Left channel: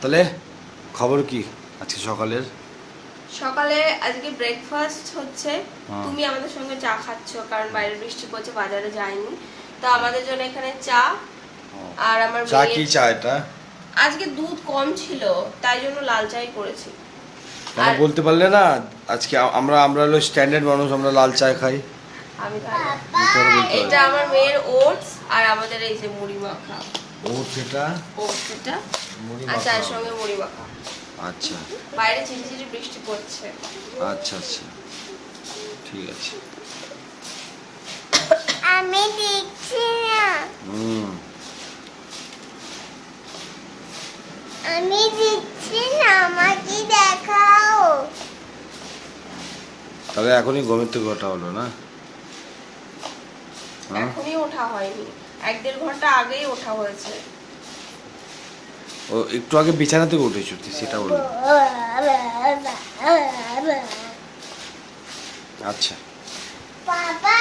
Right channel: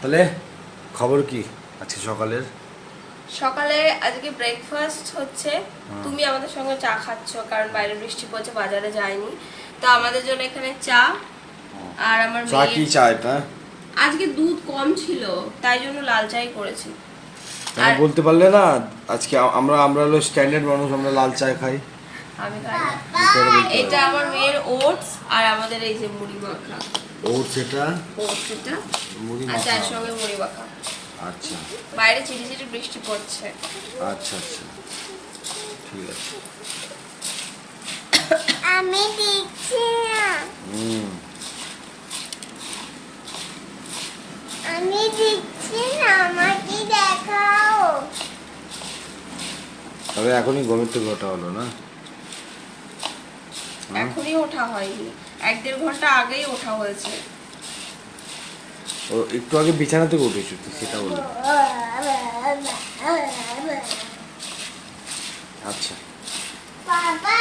তাহলে খবর কি আজকে সকালের? সকালে আজকে ব্রেকফাস্ট হচ্ছে। তুমি আমাদের সঙ্গে চা খাচ্ছ কারণ বাইরে বৃষ্টি পড়ছে, বাজারে যায়নি। তো আমাদের জন্য এখানে চা। আর আমার চা কি চা এটা? আজকে দুধ কম ছিল তাই জন্য লাল চাই করেছি। মানে বলতে পারলে না আজকে আমরা হলো স্ট্যান্ডার্ড মানুষ, আমরা লাল চা খাই। আমি খাই না। এটা আমার মেয়ের ওটস আর আমাদের এই যে মুড়ি মাখা। ওটস এটা মুড়ি আর মাখা। চায়ের সঙ্গে মুড়ি মাখা। আচ্ছা বাইরে ঝিরিঝিরি বৃষ্টি পড়ছে। আচ্ছা আচ্ছা ঠিক আছে। আমি দেখছি না, আমি দেখছি না, আমাকে দেখাও। তাহলে এখনই ঘুমের থেকে ওঠা হলো না? এখনই ওঠা হয়নি, 1-1.5 ঘন্টা আগেই ওঠা হয়েছে। ও একটু আগে বিছানা থেকে উঠেছো সেটা বলো। আচ্ছা বাবা